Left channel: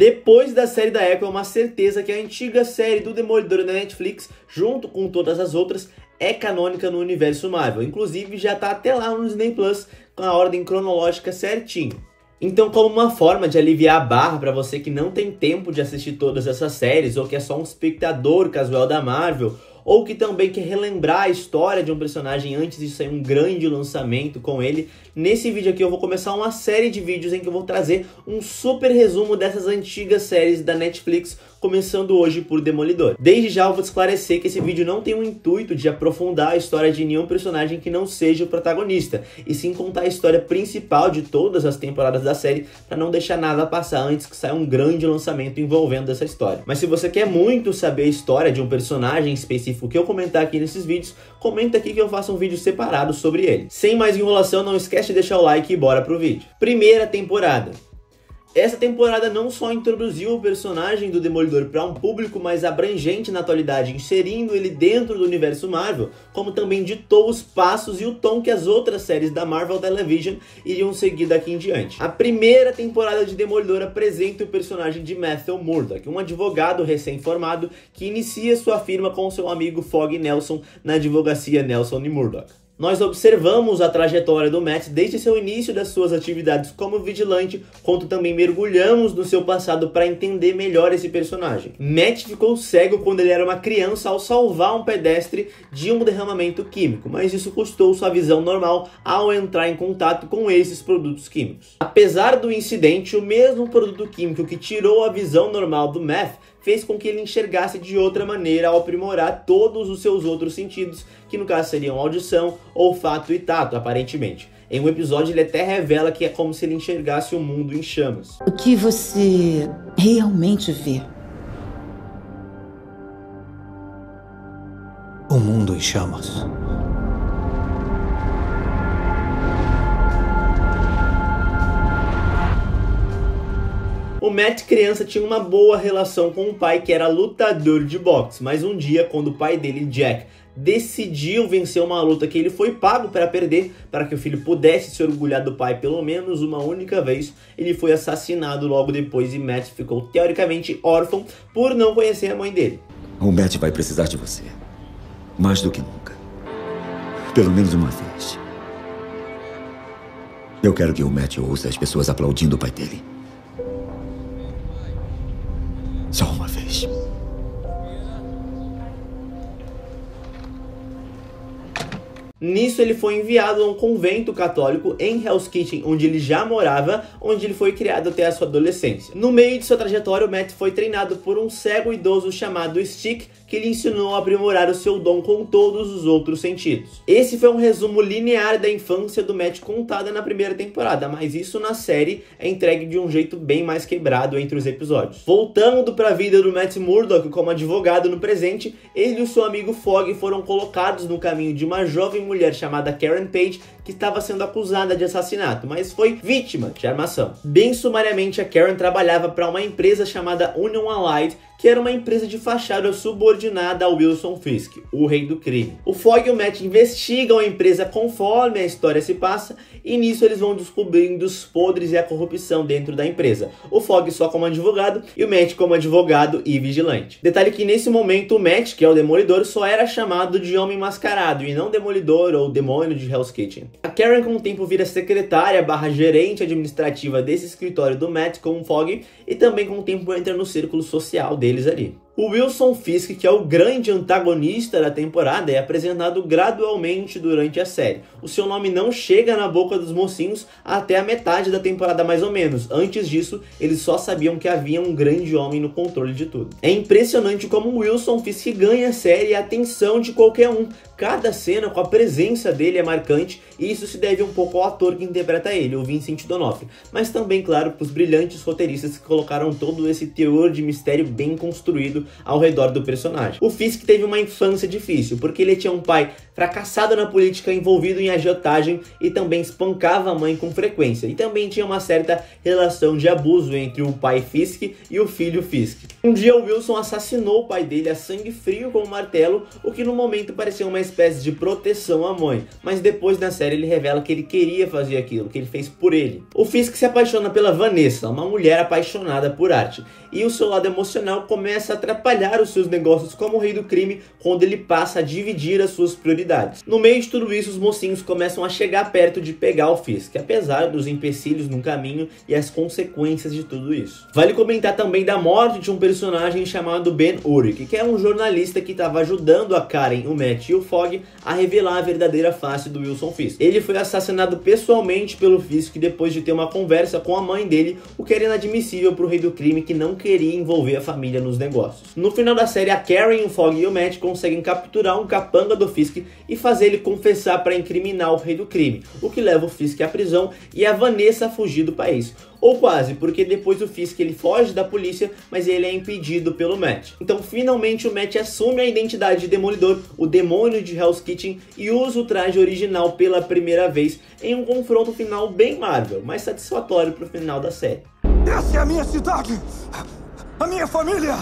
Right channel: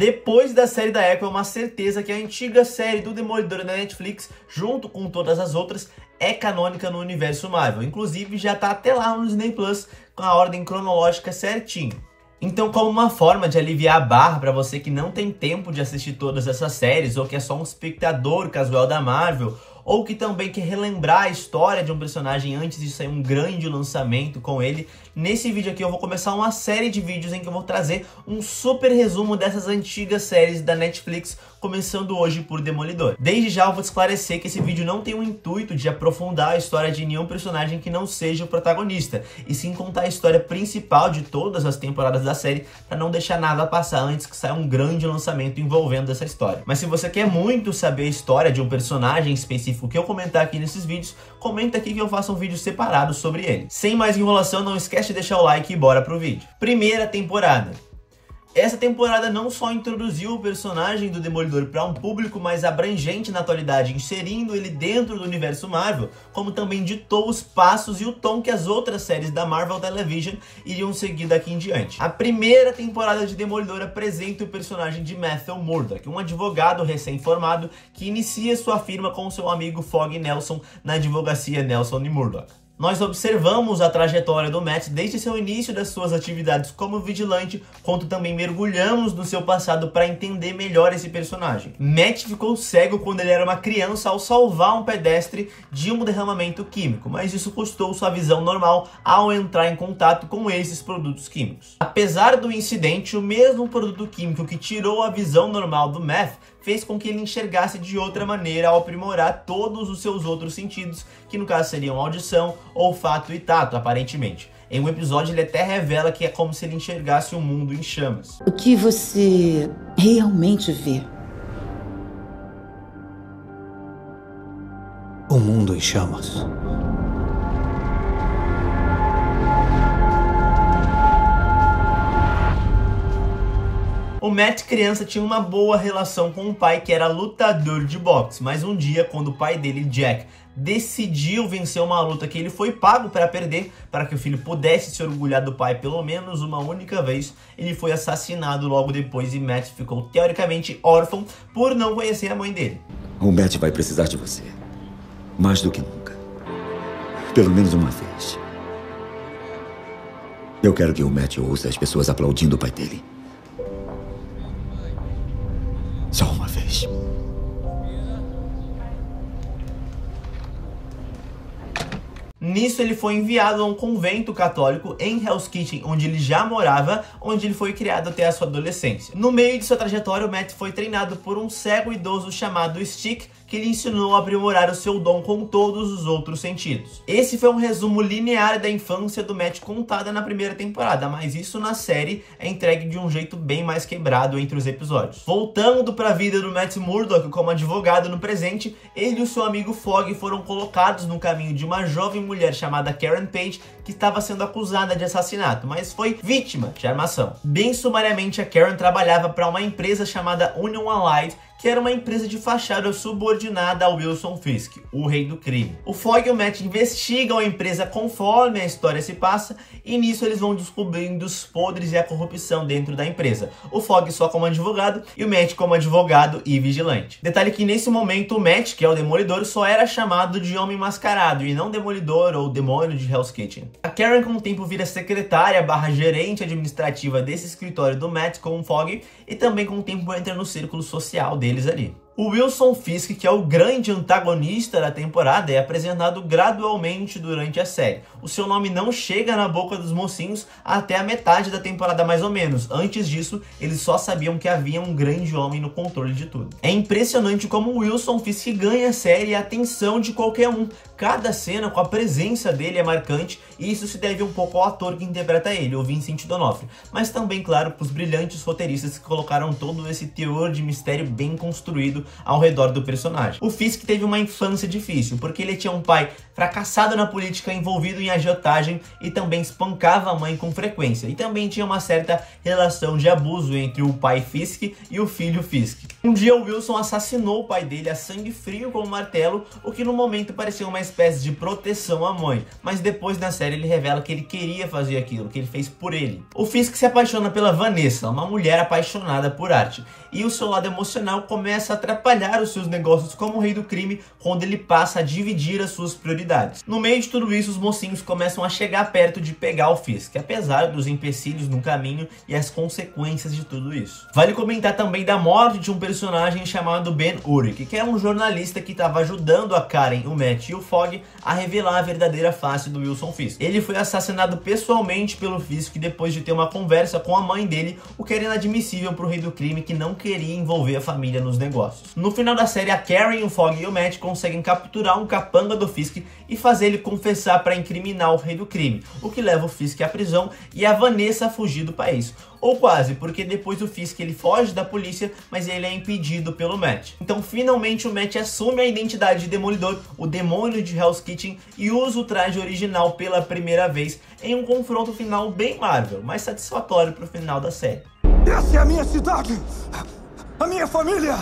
Depois da série da Echo, é uma certeza que a antiga série do Demolidor da Netflix, junto com todas as outras, é canônica no universo Marvel. Inclusive, já tá até lá no Disney Plus, com a ordem cronológica certinho. Então, como uma forma de aliviar a barra para você que não tem tempo de assistir todas essas séries, ou que é só um espectador casual da Marvel, ou que também quer relembrar a história de um personagem antes de sair um grande lançamento com ele, nesse vídeo aqui eu vou começar uma série de vídeos em que eu vou trazer um super resumo dessas antigas séries da Netflix, começando hoje por Demolidor. Desde já eu vou esclarecer que esse vídeo não tem o intuito de aprofundar a história de nenhum personagem que não seja o protagonista, e sim contar a história principal de todas as temporadas da série, para não deixar nada passar antes que saia um grande lançamento envolvendo essa história. Mas se você quer muito saber a história de um personagem específico que eu comentar aqui nesses vídeos, comenta aqui que eu faço um vídeo separado sobre ele. Sem mais enrolação, não esquece de deixar o like e bora pro vídeo. Primeira temporada. Essa temporada não só introduziu o personagem do Demolidor para um público mais abrangente na atualidade, inserindo ele dentro do universo Marvel, como também ditou os passos e o tom que as outras séries da Marvel Television iriam seguir daqui em diante. A primeira temporada de Demolidor apresenta o personagem de Matthew Murdock, um advogado recém-formado que inicia sua firma com seu amigo Fogg Nelson na advocacia Nelson e Murdock. Nós observamos a trajetória do Matt desde seu início das suas atividades como vigilante, quanto também mergulhamos no seu passado para entender melhor esse personagem. Matt ficou cego quando ele era uma criança ao salvar um pedestre de um derramamento químico, mas isso custou sua visão normal ao entrar em contato com esses produtos químicos. Apesar do incidente, o mesmo produto químico que tirou a visão normal do Matt fez com que ele enxergasse de outra maneira ao aprimorar todos os seus outros sentidos, que no caso seriam audição, olfato e tato, aparentemente. Em um episódio ele até revela que é como se ele enxergasse o mundo em chamas. O que você realmente vê? O mundo em chamas. O Matt, criança, tinha uma boa relação com o pai, que era lutador de boxe, mas um dia, quando o pai dele, Jack, decidiu vencer uma luta que ele foi pago para perder, para que o filho pudesse se orgulhar do pai pelo menos uma única vez, ele foi assassinado logo depois e Matt ficou teoricamente órfão por não conhecer a mãe dele. O Matt vai precisar de você, mais do que nunca. Pelo menos uma vez. Eu quero que o Matt ouça as pessoas aplaudindo o pai dele. Só uma vez. Nisso ele foi enviado a um convento católico em Hell's Kitchen, onde ele já morava, onde ele foi criado até a sua adolescência. No meio de sua trajetória, o Matt foi treinado por um cego idoso chamado Stick, que lhe ensinou a aprimorar o seu dom com todos os outros sentidos. Esse foi um resumo linear da infância do Matt contada na primeira temporada, mas isso na série é entregue de um jeito bem mais quebrado entre os episódios. Voltando para a vida do Matt Murdock como advogado no presente, ele e o seu amigo Fogg foram colocados no caminho de uma jovem mulher chamada Karen Page, que estava sendo acusada de assassinato, mas foi vítima de armação. Bem sumariamente, a Karen trabalhava para uma empresa chamada Union Allied, que era uma empresa de fachada subordinada ao Wilson Fisk, o rei do crime. O Fogg e o Matt investigam a empresa conforme a história se passa, e nisso eles vão descobrindo os podres e a corrupção dentro da empresa. O Fogg só como advogado e o Matt como advogado e vigilante. Detalhe que nesse momento o Matt, que é o Demolidor, só era chamado de Homem Mascarado e não Demolidor ou Demônio de Hell's Kitchen. A Karen com o tempo vira secretária / gerente administrativa desse escritório do Matt com o Fogg, e também com o tempo entra no círculo social deles ali. O Wilson Fisk, que é o grande antagonista da temporada, é apresentado gradualmente durante a série. O seu nome não chega na boca dos mocinhos até a metade da temporada mais ou menos. Antes disso, eles só sabiam que havia um grande homem no controle de tudo. É impressionante como o Wilson Fisk ganha a série e a atenção de qualquer um. Cada cena com a presença dele é marcante, e isso se deve um pouco ao ator que interpreta ele, o Vincent D'Onofrio, mas também, claro, para os brilhantes roteiristas que colocaram todo esse teor de mistério bem construído ao redor do personagem. O Fisk teve uma infância difícil, porque ele tinha um pai fracassado na política, envolvido em agiotagem, e também espancava a mãe com frequência, e também tinha uma certa relação de abuso entre o pai Fisk e o filho Fisk. Um dia o Wilson assassinou o pai dele a sangue frio com um martelo, o que no momento parecia uma espécie de proteção à mãe, mas depois na série série ele revela que ele queria fazer aquilo, que ele fez por ele. O Fisk se apaixona pela Vanessa, uma mulher apaixonada por arte, e o seu lado emocional começa a atrapalhar os seus negócios como rei do crime quando ele passa a dividir as suas prioridades. No meio de tudo isso, os mocinhos começam a chegar perto de pegar o Fisk, apesar dos empecilhos no caminho e as consequências de tudo isso. Vale comentar também da morte de um personagem chamado Ben Urich, que é um jornalista que estava ajudando a Karen, o Matt e o Fogg a revelar a verdadeira face do Wilson Fisk. Ele foi assassinado pessoalmente pelo Fisk depois de ter uma conversa com a mãe dele, o que era inadmissível para o rei do crime, que não queria envolver a família nos negócios. No final da série, a Karen, o Fogg e o Matt conseguem capturar um capanga do Fisk e fazer ele confessar para incriminar o rei do crime, o que leva o Fisk à prisão e a Vanessa a fugir do país. Ou quase, porque depois o Fisk ele foge da polícia, mas ele é impedido pelo Matt. Então finalmente o Matt assume a identidade de Demolidor, o demônio de Hell's Kitchen, e usa o traje original pela primeira vez em um confronto final bem Marvel, mas satisfatório pro final da série. Essa é a minha cidade! A minha família!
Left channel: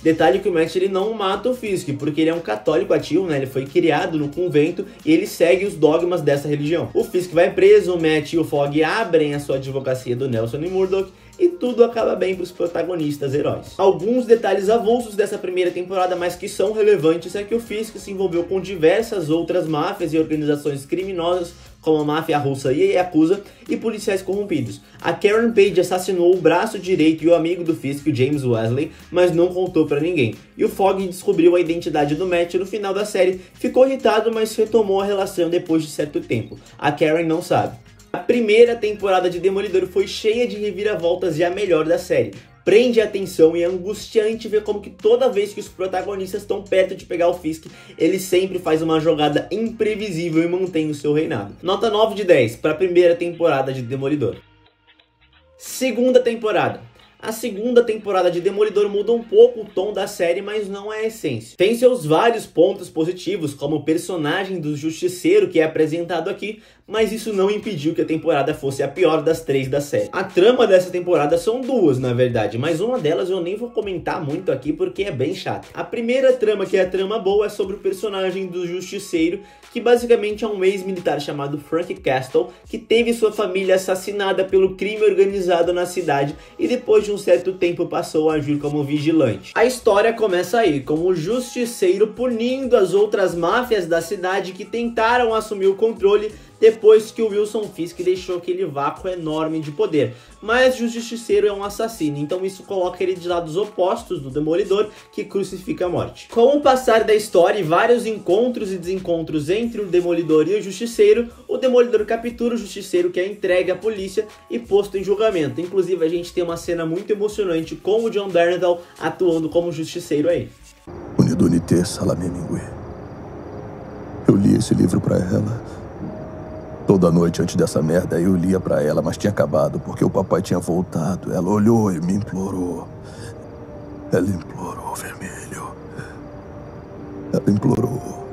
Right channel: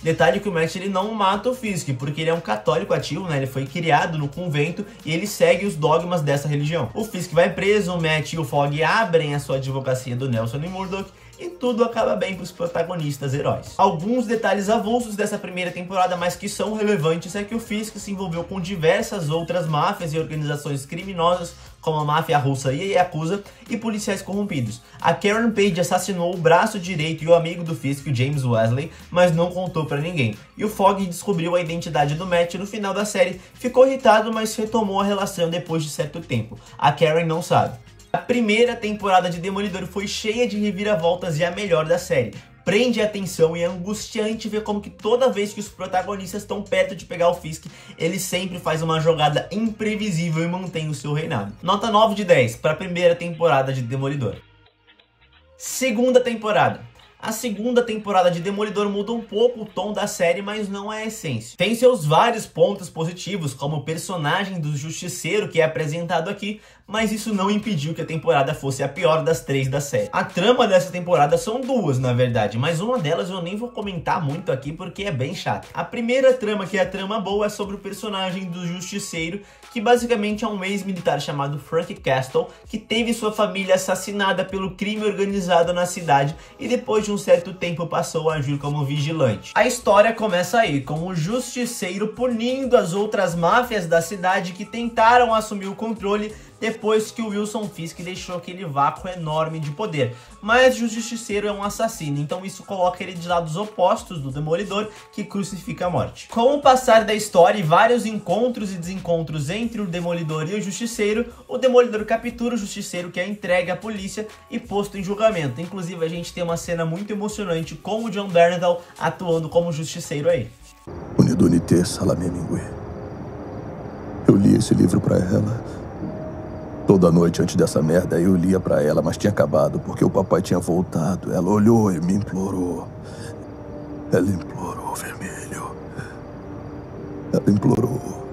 Detalhe que o Matt ele não mata o Fisk, porque ele é um católico ativo, né? Ele foi criado no convento e ele segue os dogmas dessa religião. O Fisk vai preso, o Matt e o Fogg abrem a sua advocacia do Nelson e Murdock, e tudo acaba bem para os protagonistas heróis. Alguns detalhes avulsos dessa primeira temporada, mas que são relevantes, é que o Fisk se envolveu com diversas outras máfias e organizações criminosas, como a máfia russa e a Yakuza, e policiais corrompidos. A Karen Page assassinou o braço direito e o amigo do Fisk, o James Wesley, mas não contou pra ninguém. E o Fogg descobriu a identidade do Matt no final da série, ficou irritado, mas retomou a relação depois de certo tempo. A Karen não sabe. A primeira temporada de Demolidor foi cheia de reviravoltas e a melhor da série. Prende a atenção e é angustiante ver como que toda vez que os protagonistas estão perto de pegar o Fisk, ele sempre faz uma jogada imprevisível e mantém o seu reinado. Nota 9 de 10 para a primeira temporada de Demolidor. Segunda temporada. A segunda temporada de Demolidor muda um pouco o tom da série, mas não é a essência. Tem seus vários pontos positivos, como o personagem do Justiceiro que é apresentado aqui, mas isso não impediu que a temporada fosse a pior das 3 da série. A trama dessa temporada são duas, na verdade, mas uma delas eu nem vou comentar muito aqui porque é bem chata. A primeira trama, que é a trama boa, é sobre o personagem do Justiceiro, que basicamente é um ex-militar chamado Frank Castle, que teve sua família assassinada pelo crime organizado na cidade e depois de um certo tempo passou a agir como vigilante. A história começa aí, com o Justiceiro punindo as outras máfias da cidade que tentaram assumir o controle depois que o Wilson Fisk deixou aquele vácuo enorme de poder. Mas o Justiceiro é um assassino, então isso coloca ele de lados opostos do Demolidor, que crucifica a morte. Com o passar da história e vários encontros e desencontros entre o Demolidor e o Justiceiro, o Demolidor captura o Justiceiro, que é entregue à polícia e posto em julgamento. Inclusive a gente tem uma cena muito emocionante com o John Bernthal atuando como Justiceiro aí. Unidunité Salamé Mingue. Eu li esse livro pra ela. Toda noite antes dessa merda eu lia pra ela, mas tinha acabado porque o papai tinha voltado. Ela olhou e me implorou. Ela implorou, vermelho. Ela implorou.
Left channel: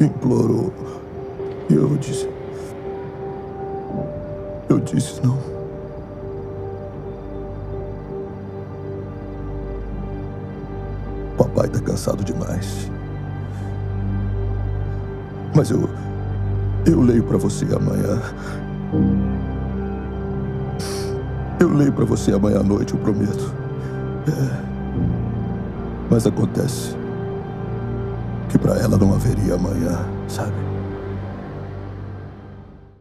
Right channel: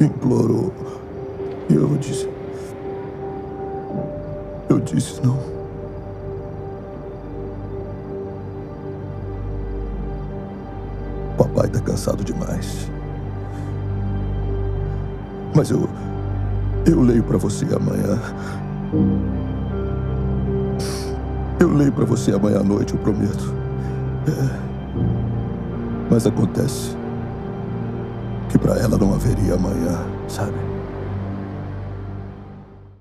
Implorou. E eu disse... Eu disse não. Papai tá cansado demais. Mas eu leio pra você amanhã. Eu leio pra você amanhã à noite, eu prometo. Mas acontece que pra ela não haveria amanhã, sabe?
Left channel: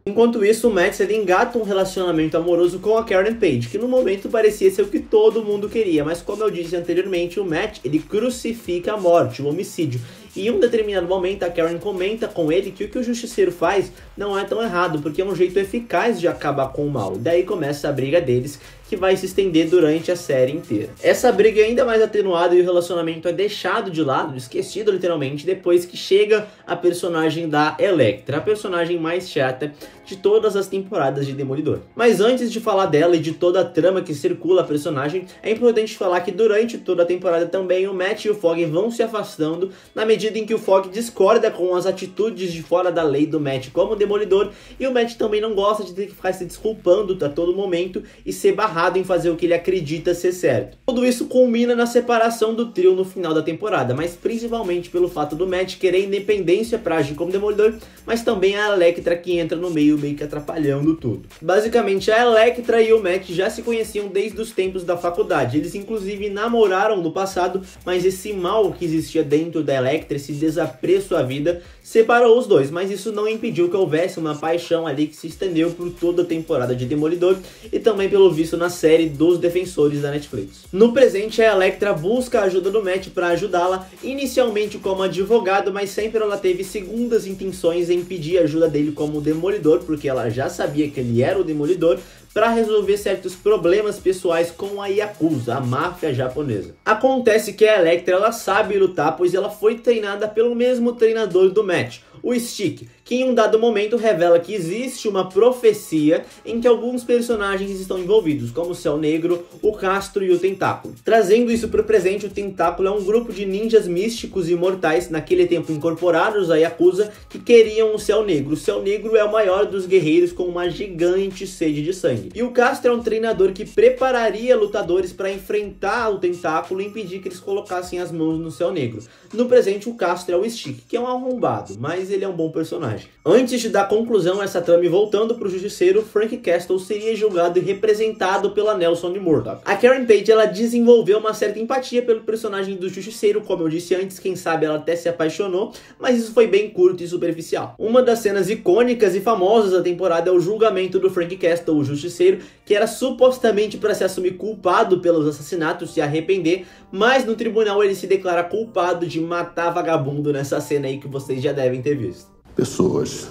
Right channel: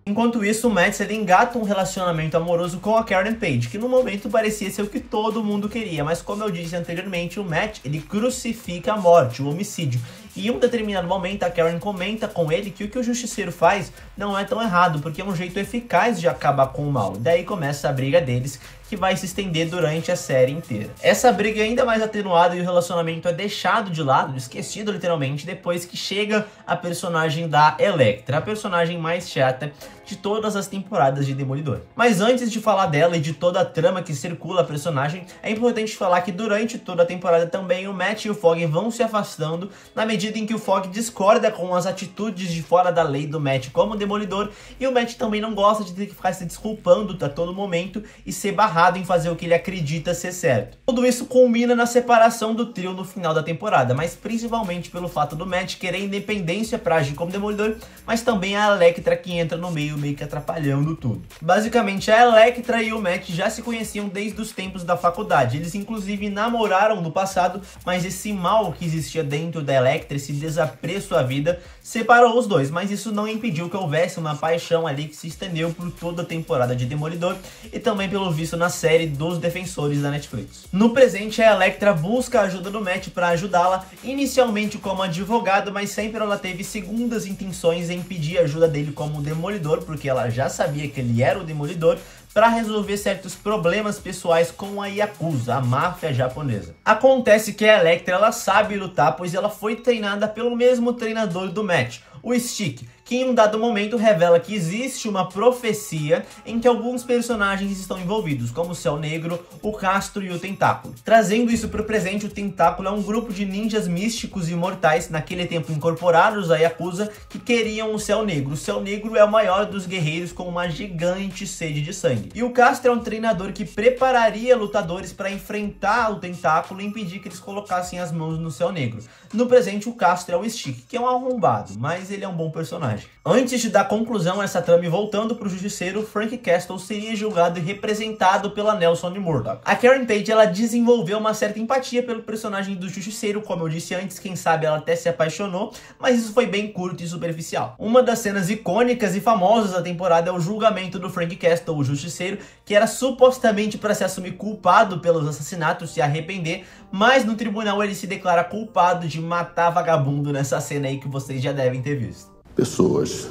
Enquanto isso, o Matt ele engata um relacionamento amoroso com a Karen Page, que no momento parecia ser o que todo mundo queria, mas como eu disse anteriormente, o Matt ele crucifica a morte, o homicídio. E em um determinado momento a Karen comenta com ele que o que o Justiceiro faz não é tão errado, porque é um jeito eficaz de acabar com o mal. E daí começa a briga deles, que vai se estender durante a série inteira. Essa briga é ainda mais atenuada e o relacionamento é deixado de lado, esquecido literalmente, depois que chega a personagem da Elektra, a personagem mais chata de todas as temporadas de Demolidor. Mas antes de falar dela e de toda a trama que circula a personagem, é importante falar que durante toda a temporada também o Matt e o Fogg vão se afastando na medida em que o Fogg discorda com as atitudes de fora da lei do Matt como Demolidor, e o Matt também não gosta de ter que ficar se desculpando a todo momento e ser barrado em fazer o que ele acredita ser certo. Tudo isso culmina na separação do trio no final da temporada, mas principalmente pelo fato do Matt querer independência pra agir como Demolidor, mas também a Elektra que entra no meio que atrapalhando tudo. Basicamente, a Elektra e o Matt já se conheciam desde os tempos da faculdade. Eles inclusive namoraram no passado, mas esse mal que existia dentro da Elektra, esse desapreço à vida, separou os dois, mas isso não impediu que houvesse uma paixão ali que se estendeu por toda a temporada de Demolidor e também pelo visto na série dos Defensores da Netflix. No presente, a Elektra busca a ajuda do Matt para ajudá-la, inicialmente como advogado, mas sempre ela teve segundas intenções em pedir ajuda dele como Demolidor, porque ela já sabia que ele era o Demolidor, para resolver certos problemas pessoais com a Yakuza, a máfia japonesa. Acontece que a Elektra ela sabe lutar, pois ela foi treinada pelo mesmo treinador do Matt, o Stick, que em um dado momento revela que existe uma profecia em que alguns personagens estão envolvidos, como o Céu Negro, o Castro e o Tentáculo. Trazendo isso para o presente, o Tentáculo é um grupo de ninjas místicos e imortais, naquele tempo incorporados à Yakuza, que queriam o Céu Negro. O Céu Negro é o maior dos guerreiros com uma gigante sede de sangue. E o Castro é um treinador que prepararia lutadores para enfrentar o Tentáculo e impedir que eles colocassem as mãos no Céu Negro. No presente, o Castro é o Stick, que é um arrombado, mas ele é um bom personagem. Antes de dar conclusão a essa trama e voltando pro Justiceiro, Frank Castle seria julgado e representado pela Nelson de Murdock. A Karen Page ela desenvolveu uma certa empatia pelo personagem do Justiceiro, como eu disse antes, quem sabe ela até se apaixonou, mas isso foi bem curto e superficial. Uma das cenas icônicas e famosas da temporada é o julgamento do Frank Castle, o Justiceiro, que era supostamente para se assumir culpado pelos assassinatos, se arrepender, mas no tribunal ele se declara culpado de matar vagabundo nessa cena aí que vocês já devem ter visto. Pessoas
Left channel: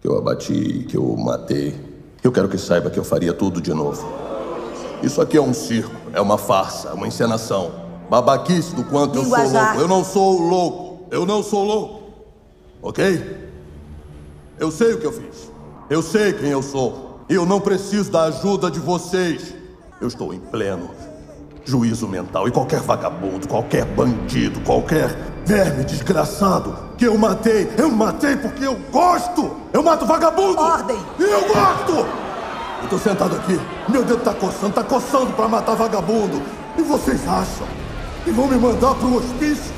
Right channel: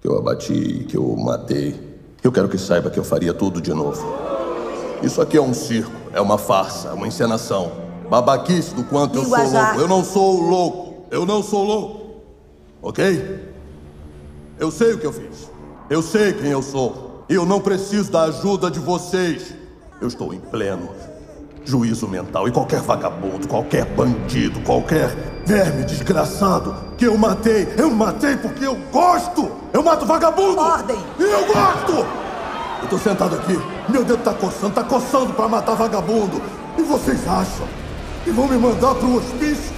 que eu abati, que eu matei, eu quero que saiba que eu faria tudo de novo. Isso aqui é um circo, é uma farsa, uma encenação. Babaquice do quanto eu sou louco. Eu não sou louco, eu não sou louco. Ok? Eu sei o que eu fiz. Eu sei quem eu sou. E eu não preciso da ajuda de vocês. Eu estou em pleno juízo mental, e qualquer vagabundo, qualquer bandido, qualquer verme desgraçado que eu matei porque eu gosto! Eu mato vagabundo! Ordem! E eu gosto! Eu tô sentado aqui, meu dedo tá coçando pra matar vagabundo. E vocês acham que vão me mandar pro hospício?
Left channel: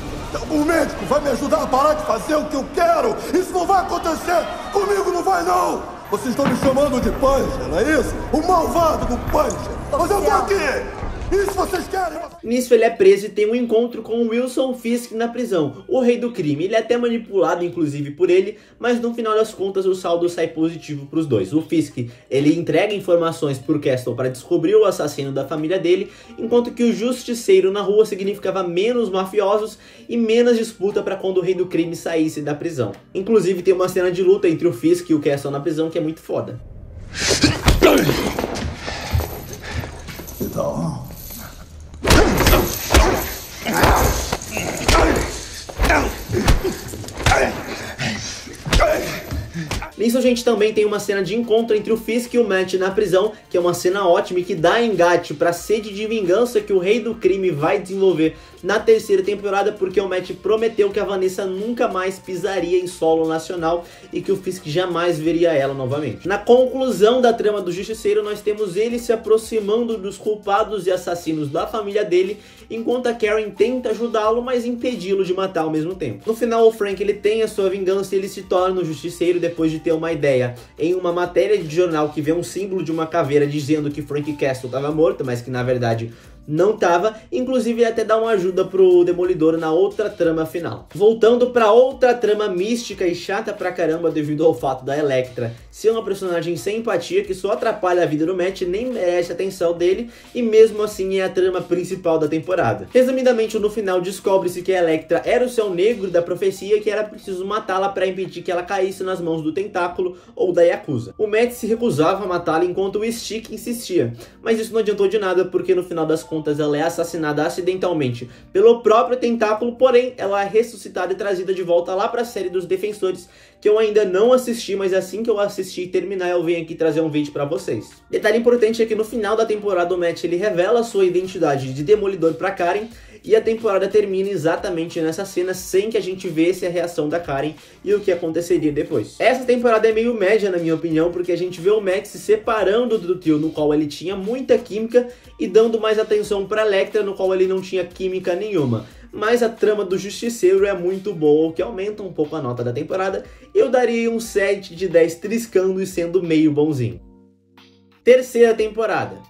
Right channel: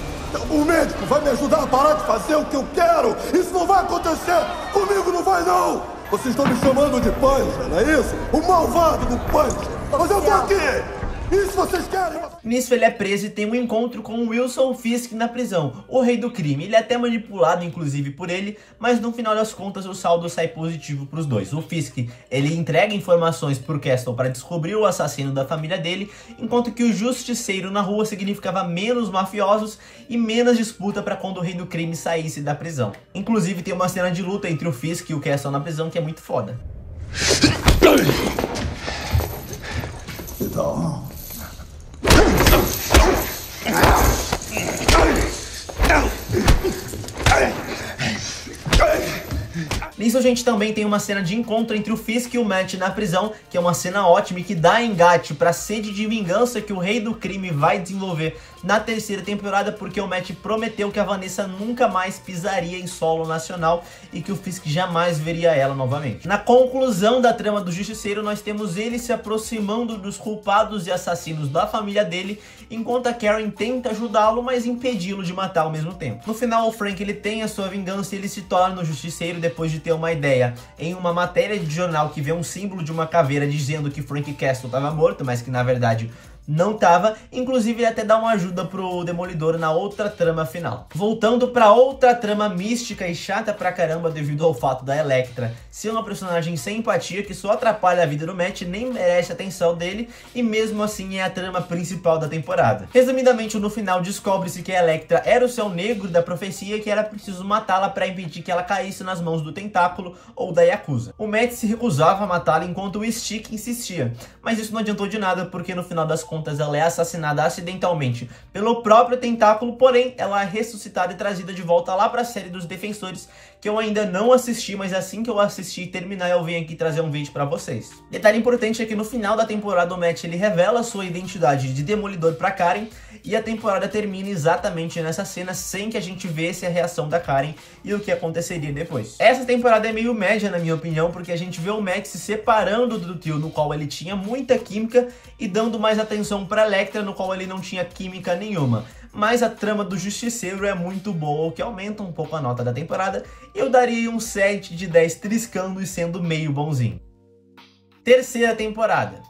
O médico vai me ajudar a parar de fazer o que eu quero? Isso não vai acontecer! Comigo não vai, não! Vocês estão me chamando de Punisher, não é isso? O malvado do Punisher! Mas eu tô aqui! Isso vocês querem! Nisso ele é preso e tem um encontro com o Wilson Fisk na prisão, o rei do crime. Ele é até manipulado inclusive por ele, mas no final das contas o saldo sai positivo para os dois. O Fisk, ele entrega informações pro Castle para descobrir o assassino da família dele, enquanto que o Justiceiro na rua significava menos mafiosos e menos disputa para quando o rei do crime saísse da prisão. Inclusive tem uma cena de luta entre o Fisk e o Castle na prisão que é muito foda. Então... Nisso a gente também tem uma cena de encontro entre o Fisk e o Matt na prisão, que é uma cena ótima e que dá engate para a sede de vingança que o Rei do Crime vai desenvolver na terceira temporada, porque o Matt prometeu que a Vanessa nunca mais pisaria em solo nacional e que o Fisk jamais veria ela novamente. Na conclusão da trama do Justiceiro, nós temos ele se aproximando dos culpados e assassinos da família dele, enquanto a Karen tenta ajudá-lo, mas impedi-lo de matar ao mesmo tempo. No final, o Frank ele tem a sua vingança e ele se torna o Justiceiro depois de ter uma ideia em uma matéria de jornal que vê um símbolo de uma caveira dizendo que Frank Castle estava morto, mas que na verdade não tava. Inclusive ele até dá uma ajuda pro Demolidor na outra trama final. Voltando pra outra trama mística e chata pra caramba devido ao fato da Elektra ser uma personagem sem empatia que só atrapalha a vida do Matt, nem merece a atenção dele e mesmo assim é a trama principal da temporada. Resumidamente, no final descobre-se que a Elektra era o Céu Negro da profecia e que era preciso matá-la para impedir que ela caísse nas mãos do Tentáculo ou da Yakuza. O Matt se recusava a matá-la enquanto o Stick insistia, mas isso não adiantou de nada porque no final das contas contas ela é assassinada acidentalmente pelo próprio Tentáculo, porém ela é ressuscitada e trazida de volta lá para a série dos Defensores, que eu ainda não assisti, mas assim que eu assistir e terminar eu venho aqui trazer um vídeo para vocês. Detalhe importante é que no final da temporada o Matt ele revela sua identidade de Demolidor para Karen, e a temporada termina exatamente nessa cena, sem que a gente vesse a reação da Karen e o que aconteceria depois. Essa temporada é meio média na minha opinião, porque a gente vê o Matt se separando do trio no qual ele tinha muita química e dando mais atenção para Elektra, no qual ele não tinha química nenhuma. Mas a trama do Justiceiro é muito boa, o que aumenta um pouco a nota da temporada, e eu daria um 7 de 10 triscando e sendo meio bonzinho. Terceira temporada.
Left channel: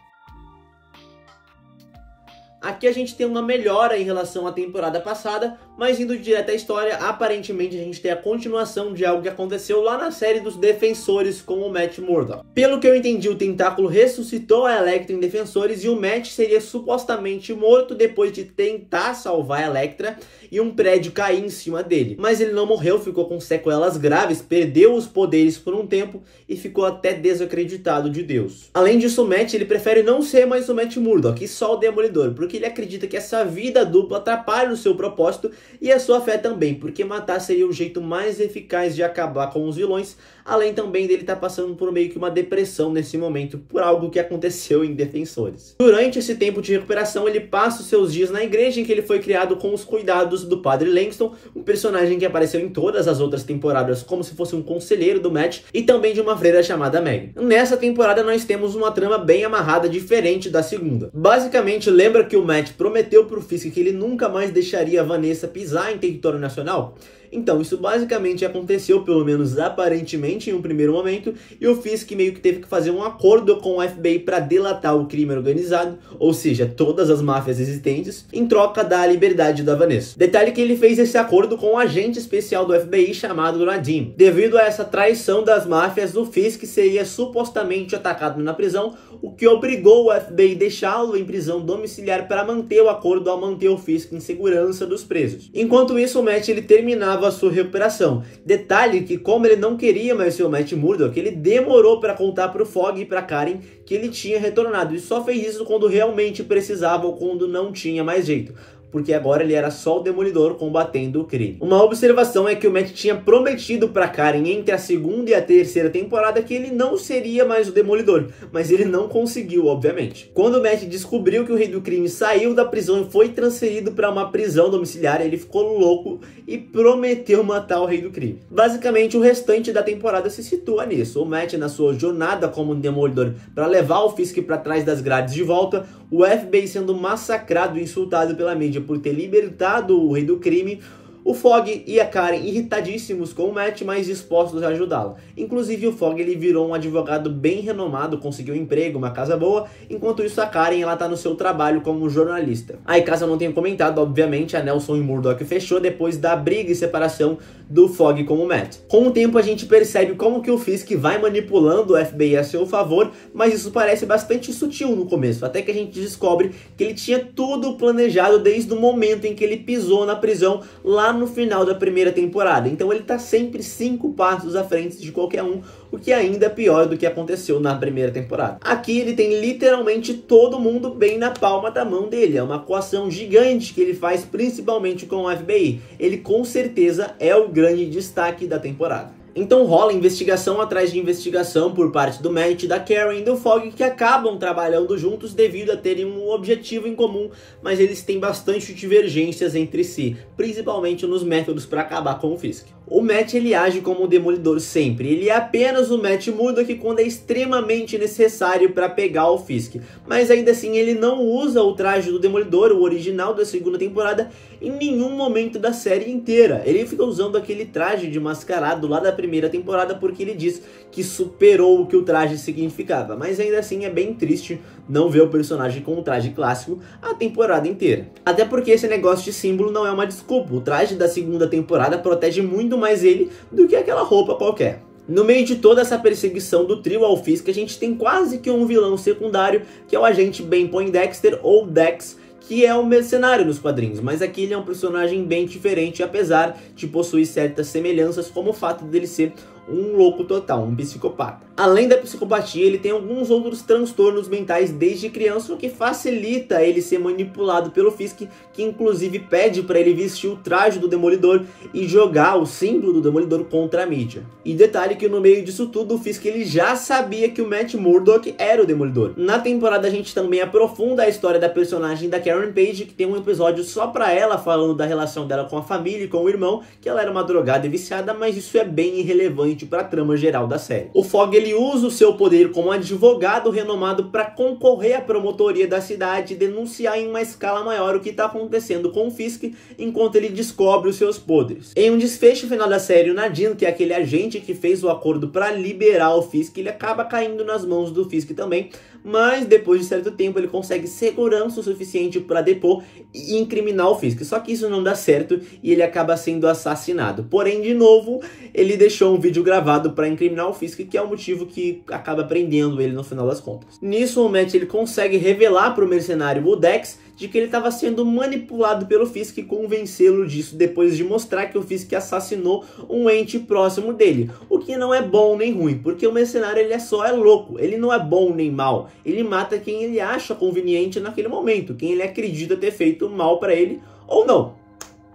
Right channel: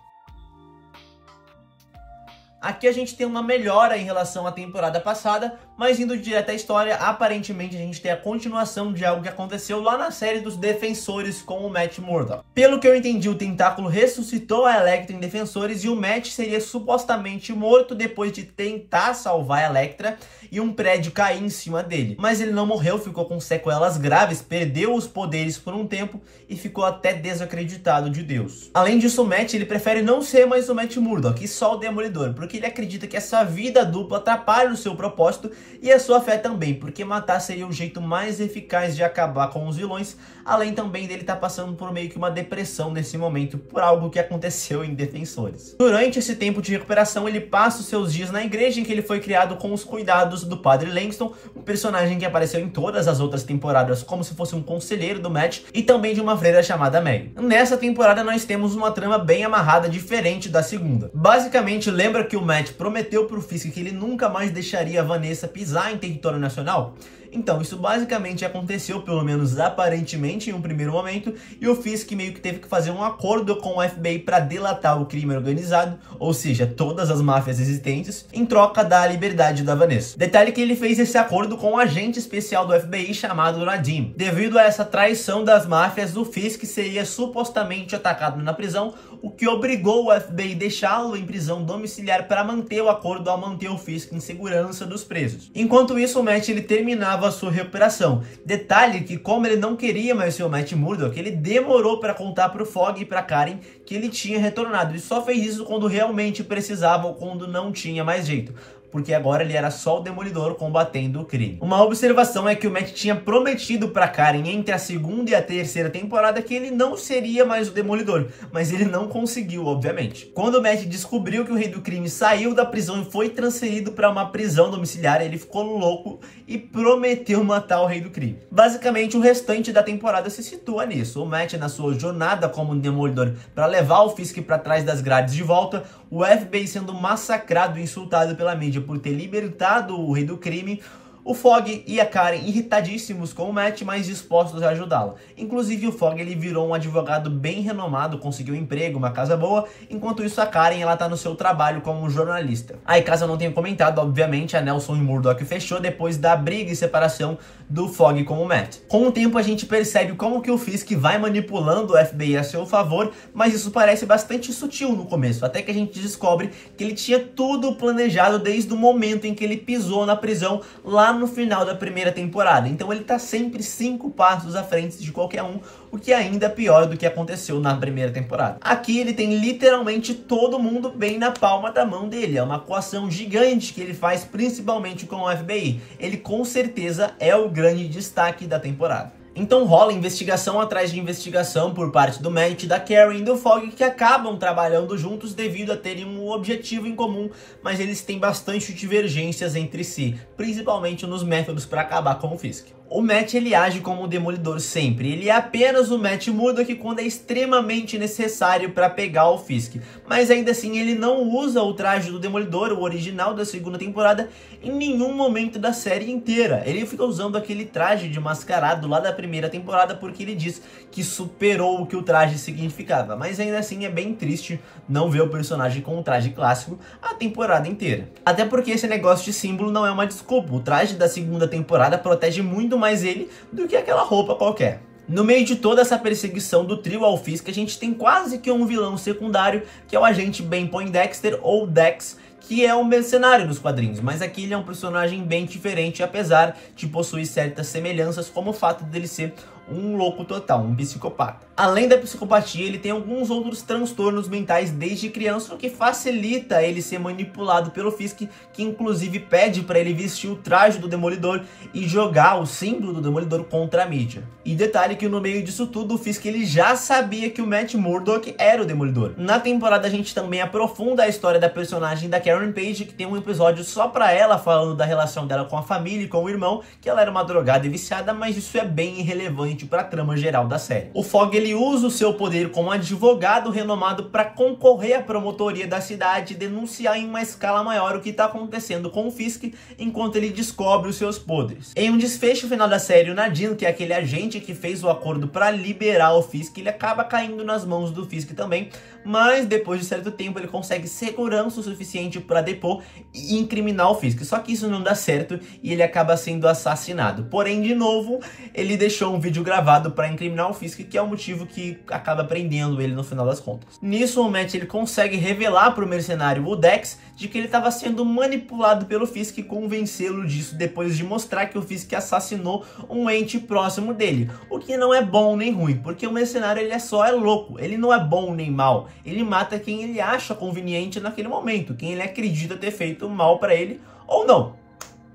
Aqui a gente tem uma melhora em relação à temporada passada, mas indo direto à história, aparentemente a gente tem a continuação de algo que aconteceu lá na série dos Defensores com o Matt Murdock. Pelo que eu entendi, o Tentáculo ressuscitou a Elektra em Defensores e o Matt seria supostamente morto depois de tentar salvar a Elektra e um prédio cair em cima dele. Mas ele não morreu, ficou com sequelas graves, perdeu os poderes por um tempo e ficou até desacreditado de Deus. Além disso, o Matt ele prefere não ser mais o Matt Murdock e só o Demolidor, porque ele acredita que essa vida dupla atrapalha o seu propósito e a sua fé também, porque matar seria o jeito mais eficaz de acabar com os vilões, além também dele estar passando por meio que uma depressão nesse momento por algo que aconteceu em Defensores. Durante esse tempo de recuperação, ele passa os seus dias na igreja em que ele foi criado com os cuidados do Padre Langston, um personagem que apareceu em todas as outras temporadas como se fosse um conselheiro do Matt, e também de uma freira chamada Meg. Nessa temporada nós temos uma trama bem amarrada, diferente da segunda. Basicamente, lembra que o Matt prometeu pro Fisk que ele nunca mais deixaria a Vanessa pisar em território nacional? Então, isso basicamente aconteceu, pelo menos aparentemente, em um primeiro momento, e o Fisk meio que teve que fazer um acordo com o FBI para delatar o crime organizado, ou seja, todas as máfias existentes, em troca da liberdade da Vanessa. Detalhe que ele fez esse acordo com um agente especial do FBI chamado Nadim. Devido a essa traição das máfias, o Fisk seria supostamente atacado na prisão, o que obrigou o FBI a deixá-lo em prisão domiciliar para manter o acordo ao manter o Fisk em segurança dos presos. Enquanto isso, o Matt ele terminava a sua recuperação. Detalhe que, como ele não queria mais ser o Matt Murdock, ele demorou para contar para o Fogg e para Karen que ele tinha retornado, e só fez isso quando realmente precisava ou quando não tinha mais jeito, porque agora ele era só o Demolidor combatendo o crime. Uma observação é que o Matt tinha prometido para Karen entre a segunda e a terceira temporada que ele não seria mais o Demolidor, mas ele não conseguiu, obviamente. Quando o Matt descobriu que o Rei do Crime saiu da prisão e foi transferido para uma prisão domiciliar, ele ficou louco e prometeu matar o Rei do Crime. Basicamente, o restante da temporada se situa nisso. O Matt, na sua jornada como Demolidor para levar o Fisk para trás das grades de volta, o FBI sendo massacrado e insultado pela mídia por ter libertado o Rei do Crime, o Fogg e a Karen irritadíssimos com o Matt, mas dispostos a ajudá-la. Inclusive o Fogg ele virou um advogado bem renomado, conseguiu um emprego, uma casa boa, enquanto isso a Karen ela tá no seu trabalho como jornalista. Aí, caso eu não tenha comentado, obviamente a Nelson e Murdock fechou depois da briga e separação do Fogg com o Matt. Com o tempo a gente percebe como que o Fisk vai manipulando o FBI a seu favor, mas isso parece bastante sutil no começo, até que a gente descobre que ele tinha tudo planejado desde o momento em que ele pisou na prisão lá no final da primeira temporada. Então ele tá sempre 5 passos à frente de qualquer um, o que ainda é pior do que aconteceu na primeira temporada. Aqui ele tem literalmente todo mundo bem na palma da mão dele, é uma coação gigante que ele faz principalmente com o FBI. Ele com certeza é o grande destaque da temporada. Então rola investigação atrás de investigação por parte do Matt, da Karen e do Fogg, que acabam trabalhando juntos devido a terem um objetivo em comum, mas eles têm bastante divergências entre si, principalmente nos métodos para acabar com o Fisk. O Matt ele age como o Demolidor sempre, ele é apenas o Matt Murdock quando é extremamente necessário para pegar o Fisk, mas ainda assim ele não usa o traje do Demolidor, o original da segunda temporada, em nenhum momento da série inteira. Ele fica usando aquele traje de mascarado lá da primeira temporada porque ele diz que superou o que o traje significava, mas ainda assim é bem triste não ver o personagem com um traje clássico a temporada inteira. Até porque esse negócio de símbolo não é uma desculpa, o traje da segunda temporada protege muito mais ele do que aquela roupa qualquer. No meio de toda essa perseguição do trio ao Fisk, a gente tem quase que um vilão secundário, que é o agente Ben Poindexter, ou Dex, que é um mercenário nos quadrinhos, mas aqui ele é um personagem bem diferente, apesar de possuir certas semelhanças, como o fato dele ser um louco total, um psicopata. Além da psicopatia, ele tem alguns outros transtornos mentais desde criança, o que facilita ele ser manipulado pelo Fisk, que inclusive pede para ele vestir o traje do Demolidor e jogar o símbolo do Demolidor contra a mídia. E detalhe que no meio disso tudo, o Fisk ele já sabia que o Matt Murdock era o Demolidor. Na temporada a gente também aprofunda a história da personagem da Karen Page, que tem um episódio só pra ela, falando da relação dela com a família e com o irmão, que ela era uma drogada e viciada, mas isso é bem irrelevante pra trama geral da série. O Fogg ele usa o seu poder como advogado renomado para concorrer à promotoria da cidade e denunciar em uma escala maior o que está acontecendo com o Fisk enquanto ele descobre os seus poderes. Em um desfecho final da série, o Nadine, que é aquele agente que fez o acordo para liberar o Fisk, ele acaba caindo nas mãos do Fisk também, mas depois de certo tempo ele consegue segurança o suficiente para depor e incriminar o Fisk. Só que isso não dá certo e ele acaba sendo assassinado. Porém, de novo, ele deixou um vídeo gravado para incriminar o Fisk, que é o motivo que acaba prendendo ele no final das contas. Nisso, o Matt ele consegue revelar para o mercenário o Dex de que ele estava sendo manipulado pelo Fisk e convencê-lo disso depois de mostrar que o Fisk assassinou um ente próximo dele. O que não é bom nem ruim, porque o mercenário ele é louco, ele não é bom nem mal. Ele mata quem ele acha conveniente naquele momento, quem ele acredita ter feito mal para ele ou não.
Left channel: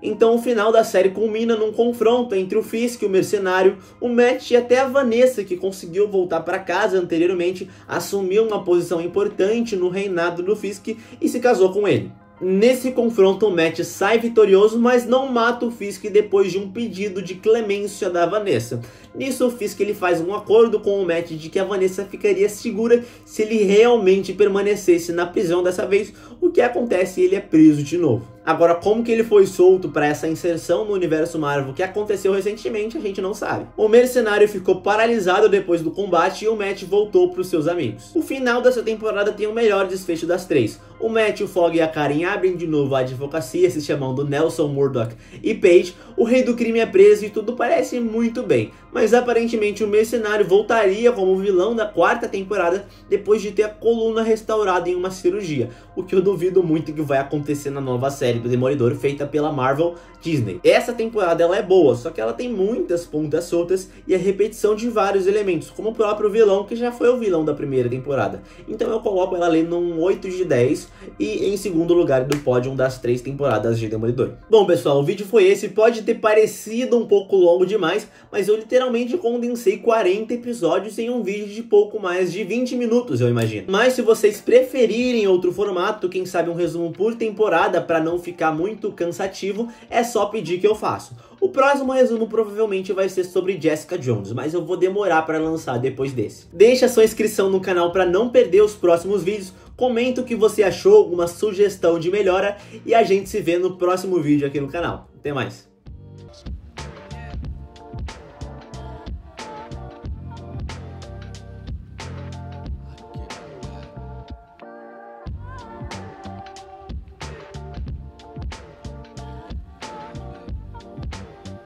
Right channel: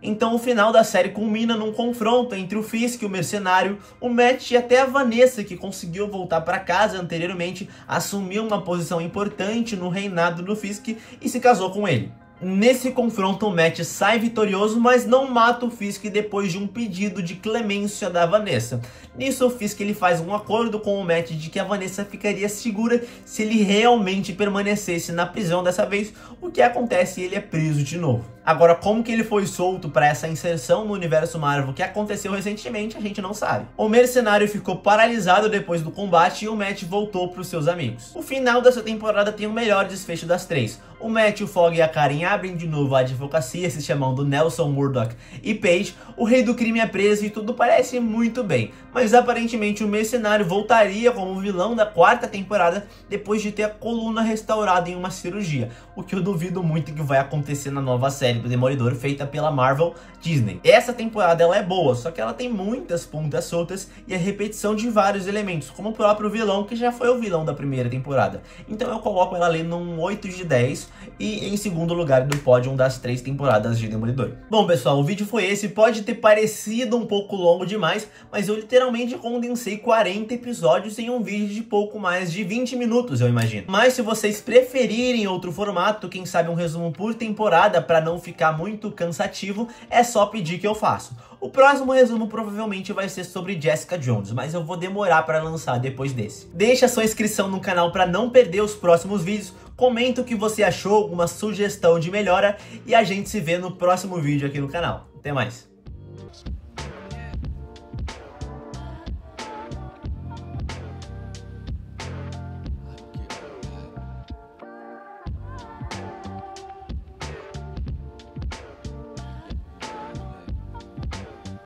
Então o final da série culmina num confronto entre o Fisk, o mercenário, o Matt e até a Vanessa, que conseguiu voltar para casa anteriormente, assumiu uma posição importante no reinado do Fisk e se casou com ele. Nesse confronto, o Matt sai vitorioso, mas não mata o Fisk depois de um pedido de clemência da Vanessa. Nisso, o Fisk ele faz um acordo com o Matt de que a Vanessa ficaria segura se ele realmente permanecesse na prisão dessa vez, o que acontece e ele é preso de novo. Agora, como que ele foi solto para essa inserção no universo Marvel que aconteceu recentemente, a gente não sabe. O mercenário ficou paralisado depois do combate e o Matt voltou para os seus amigos. O final dessa temporada tem o melhor desfecho das três. O Matt, o Fogg e a Karen abrem de novo a advocacia, se chamando Nelson, Murdock e Page. O rei do crime é preso e tudo parece muito bem. Mas aparentemente o mercenário voltaria como vilão da quarta temporada depois de ter a coluna restaurada em uma cirurgia. O que eu duvido muito que vai acontecer na nova série do Demolidor feita pela Marvel Disney. Essa temporada ela é boa, só que ela tem muitas pontas soltas e a repetição de vários elementos, como o próprio vilão, que já foi o vilão da primeira temporada. Então eu coloco ela ali num 8 de 10 e em segundo lugar do pódio das 3 temporadas de Demolidor. Bom pessoal, o vídeo foi esse, pode ter parecido um pouco longo demais, mas eu literalmente condensei 40 episódios em um vídeo de pouco mais de 20 minutos, eu imagino. Mas se vocês preferirem outro formato, quem sabe um resumo por temporada para não ficar muito cansativo, é só pedir que eu faço. O próximo resumo provavelmente vai ser sobre Jessica Jones, mas eu vou demorar para lançar depois desse. Deixa sua inscrição no canal para não perder os próximos vídeos, comenta o que você achou, alguma sugestão de melhora e a gente se vê no próximo vídeo aqui no canal. Até mais!